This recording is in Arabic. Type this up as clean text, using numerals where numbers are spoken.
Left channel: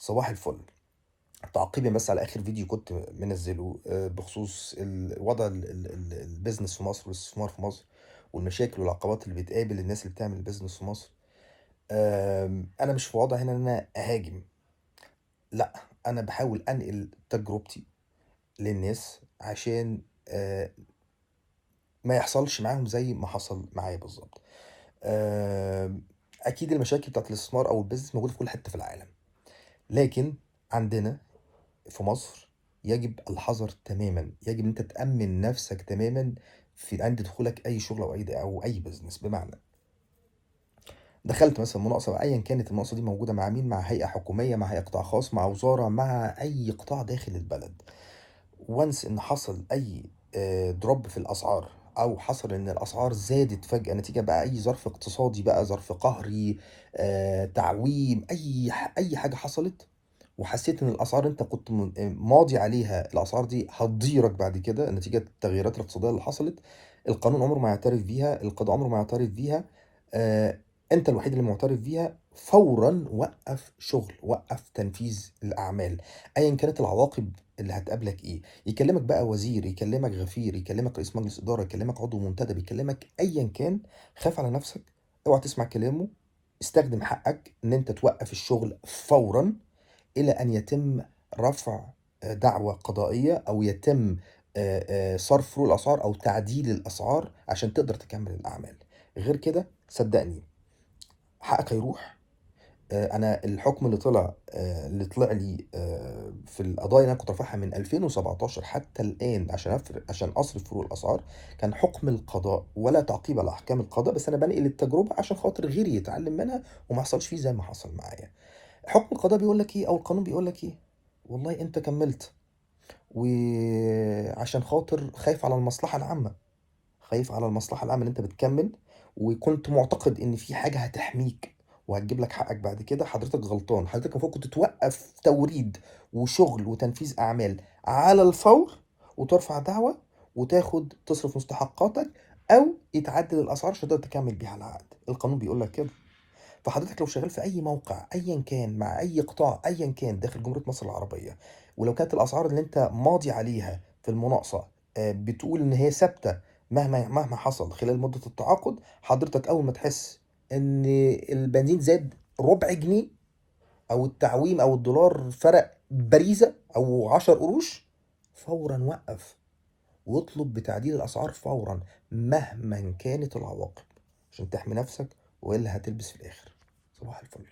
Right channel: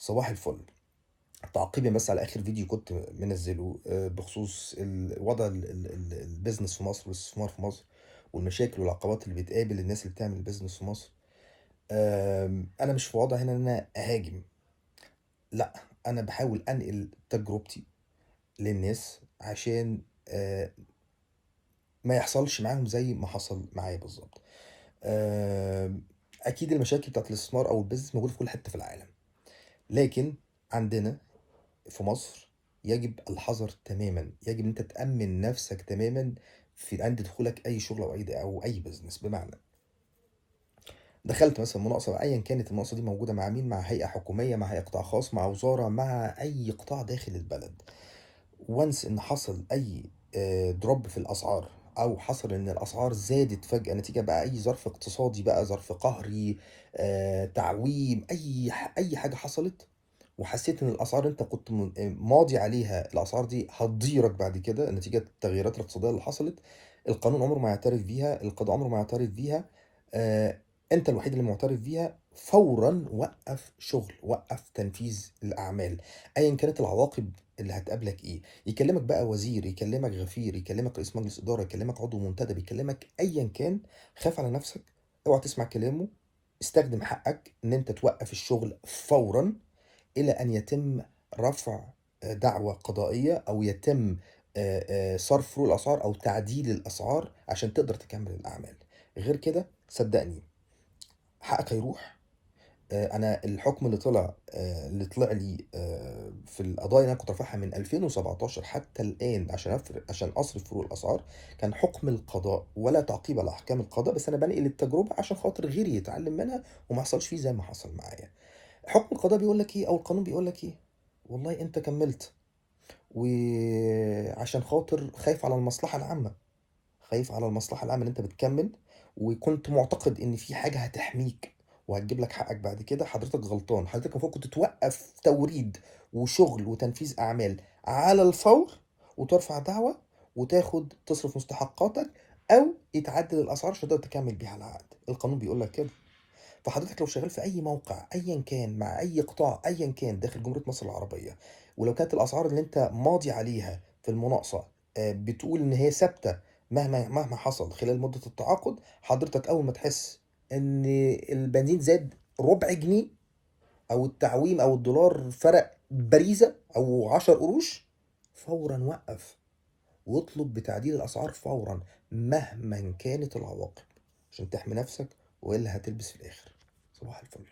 صباح الفل. تعقيبًا بس على آخر فيديو كنت منزّله بخصوص وضع الbusiness في مصر والاستثمار في مصر، والمشاكل والعقبات اللي بتقابل الناس اللي بتعمل business في مصر. أنا مش في وضع هنا إن أنا أهاجم، لأ، أنا باحاول أنقل تجربتي للناس عشان ما يحصلش معاهم زي ما حصل معايا بالضبط. أكيد المشاكل بتاعة الاستثمار أو الbusiness موجودة في كل حتة في العالم، لكن عندنا في مصر يجب الحذر تمامًا، يجب إن أنت تأمِّن نفسك تمامًا عند دخولك أي شغل أو أي business. بمعنى دخلت مثلًا مناقصة أيًا كانت المناقصة دي موجودة مع مين، مع هيئة حكومية، مع هيئة قطاع خاص، مع وزارة، مع أي قطاع داخل البلد. once إن حصل أي drop في الأسعار، أو حصل إن الأسعار زادت فجأة نتيجة بقى أي ظرف اقتصادي بقى، ظرف قهري، تعويم، أي حاجة حصلت، وحسيت إن الأسعار أنت كنت ماضي عليها الأسعار دي هتضيرك بعد كده نتيجة التغييرات الاقتصادية اللي حصلت، القانون عمره ما هيعترف بيها، القضاء عمره ما هيعترف بيها. أنت الوحيد اللي معترف بيها. فورًا وقّف شغل، وقّف تنفيذ الأعمال، أيًا كانت العواقب اللي هتقابلك إيه. يكلمك بقى وزير، يكلمك غفير، يكلمك رئيس مجلس إدارة، يكلمك عضو منتدب، يكلمك أيًا كان، خاف على نفسك، اوعى تسمع كلامه، استخدم حقك إن أنت توقّف الشغل فورًا إلى أن يتم رفع دعوى قضائية، أو يتم صرف فروق الأسعار أو تعديل الأسعار عشان تقدر تكمّل الأعمال. غير كده صدّقني حقك هيروح. أنا الحكم اللي طلع لي في القضايا اللي أنا كنت رافعها من 2017 حتى الآن عشان أصرف فروق الأسعار، كان حكم القضاء ولا تعقيب على أحكام القضاء، بس أنا بانقل التجربة عشان خاطر غيري يتعلم منها وما يحصلش فيه زي ما حصل معايا. حكم القضاء بيقول لك إيه، أو القانون بيقول لك إيه؟ والله أنت كمّلت، وعشان خاطر خايف على المصلحة العامة، خايف على المصلحة العامة إن أنت بتكمّل، وكنت معتقد إن في حاجة هتحميك وهتجيب لك حقك بعد كده. حضرتك غلطان، حضرتك المفروض كنت توقّف توريد وشغل وتنفيذ أعمال على الفور، وترفع دعوى تصرف مستحقاتك، أو يتعدل الأسعار عشان تقدر تكمّل بيها العقد. القانون بيقول لك كده. فحضرتك لو شغال في أي موقع أيًا كان، مع أي قطاع أيًا كان داخل جمهورية مصر العربية، ولو كانت الأسعار اللي أنت ماضي عليها في المناقصة بتقول إن هي ثابتة مهما حصل خلال مدة التعاقد، حضرتك أول ما تحس إن البنزين زاد ربع جنيه، أو التعويم أو الدولار فرق باريزة أو 10 قروش، فورًا وقّف واطلب بتعديل الأسعار فورًا مهمًا كانت العواقب، عشان تحمي نفسك، وإلا هتلبس في الآخر. صباح الفل.